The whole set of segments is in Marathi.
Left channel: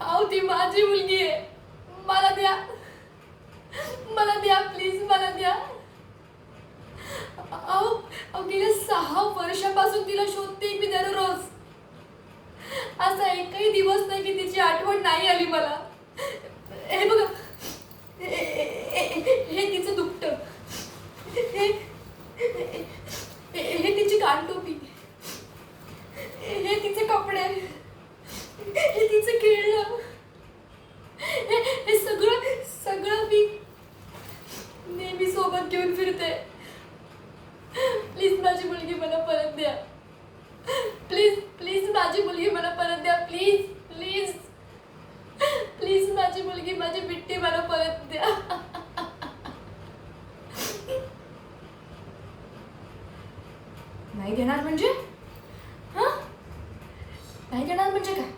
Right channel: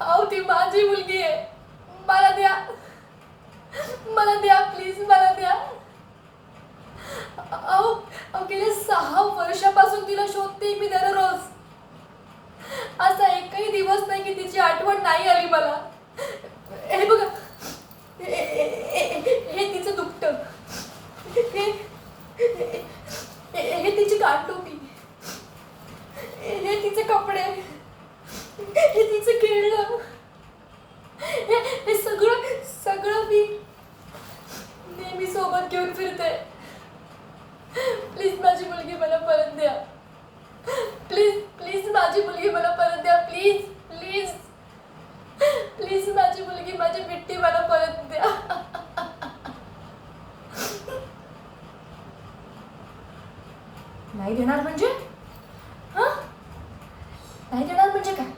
अहो ती माझी मुलगी आहे, मला द्या, मला द्या प्लीज, मला द्या. अहो अहो गेल्या 6 वर्षापासून तिला शोधते मी दररोज. असा एकही दिवस नाही की तिची आठवण नाही आली मला. हे बघा, हे तिचं दुपटं, हे हे तिची कानटोपी, हे तिचे कपडे, हे तिचं खेळणं, हे सगळं सगळं मी नेहमी सोबत घेऊन फिरते. प्लीज माझी मुलगी मला परत द्या. प्लीज प्लीज माझी मुलगी मला परत द्या. प्लीज प्लीज प्लीज माझी मुलगी, माझी बिट्टी मला परत द्या. नाही देणार म्हणजे? हा, नाही देणार म्हणजे काय?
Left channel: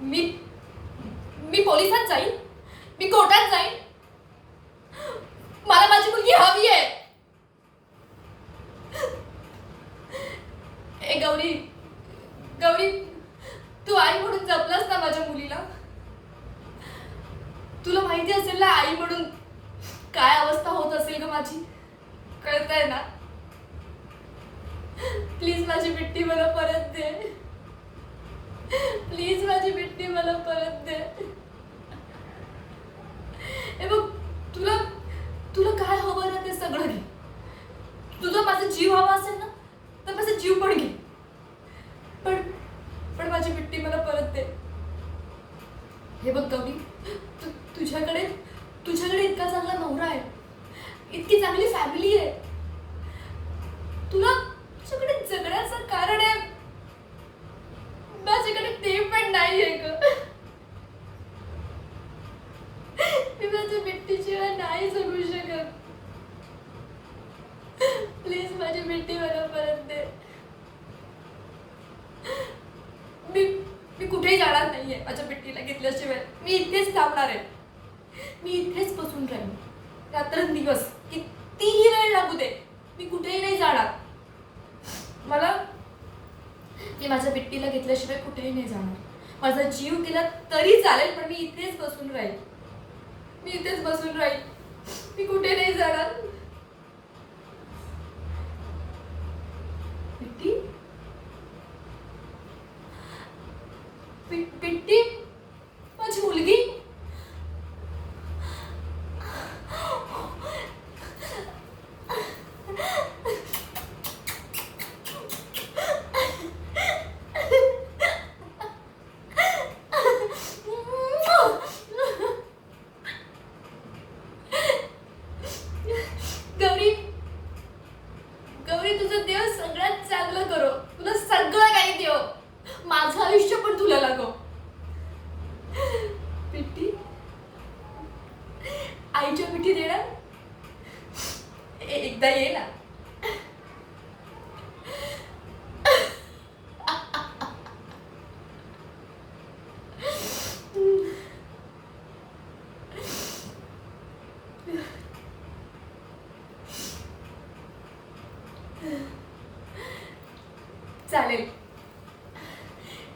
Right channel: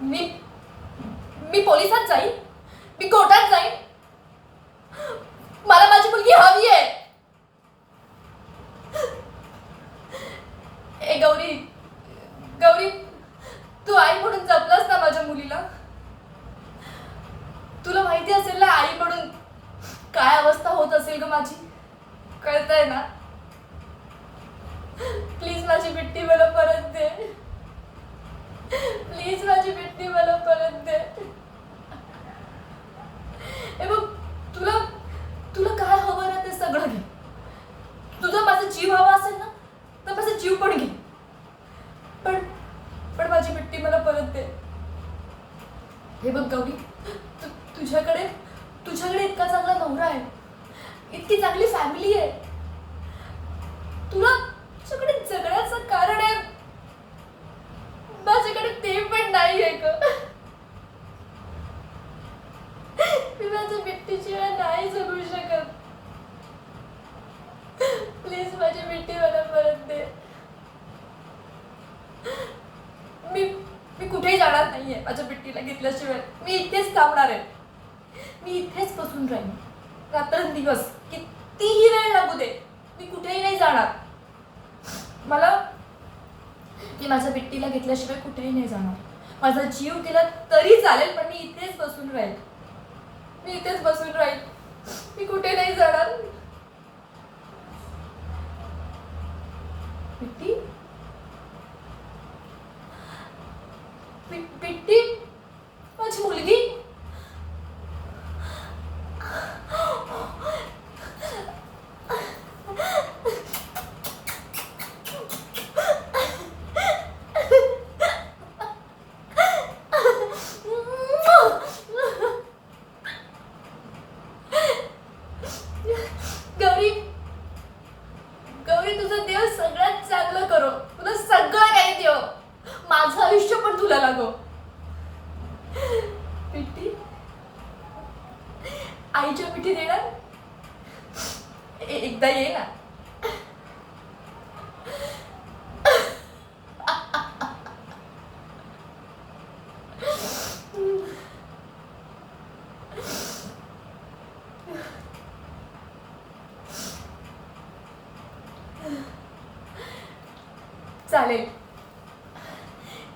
मी मी पोलिसात जाईन, मी कोर्टात जाईन. मला माझी मुलगी हवी आहे. ए गौरी, गौरी, तू आई म्हणून जपलंस ना माझ्या मुलीला. तुला माहिती असेल ना आई म्हणून काय अवस्था होत असेल ग माझी, कळतंय ना? प्लीज माझी बिट्टी मला परत दे. प्लीज माझी बिट्टी मला परत दे. हे बघ, तुला तुला काय हवं ना ते सगळं घे. तुझा माझा जीव हवा असेल ना तर माझा जीव पण घे, पण पण माझी बिट्टी मला परत दे. हे बघ गौरी, तुझ्याकडे तुझ्याकडे इतका चांगला नवरा आहे, इतकी चांगली फॅमिली आहे. तुला तुझ्याकडे जगण्याचं कारण आहे, माझ्याकडे ते पण नाही आहे ग. मी माझ्या बिट्टीशिवाय नाही जगू शकत. प्लीज माझी बिट्टी मला परत दे. मी मी कुठेही जाणार नाहीये माझ्या बिट्टीला घेतल्याशिवाय. मी इथेच थांबणार आहे. मी इथेच बसून राहीन रात्रंदिवस, कितीही वेळ लागू दे. मी कुठेही नाही जाणार. मला की माझ्या बिट्टीला घेतल्याशिवाय कुठेही नाही जाणार. माझा जीव गेला तरी चालेल, पण मी इथेच बसून राहील. मी इथेच बसून राहील. मी कुठे नाही जाणार. बिट्टी, बिट्टी माझी मुलगी. गौरी, गौरी तुझं देव सगळ्यात चांगलं करो. तुला सगळं काही देव. माझं आयुष्य पण तुला लागो. बिट्टी, आईच्या मिठी देणार. एकदा ये ना. चालेल,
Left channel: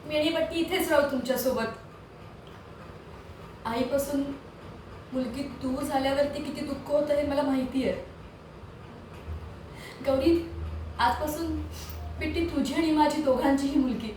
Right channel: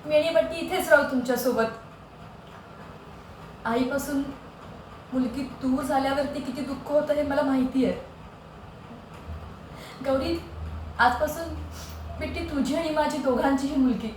मी आणि बट्टी इथेच राहू तुमच्यासोबत. आईपासून मुलगी दूर झाल्यावरती किती दुःख होतं हे मला माहिती आहे. गौरी, आजपासून बिट्टी तुझी आणि माझी दोघांचीही मुलगी.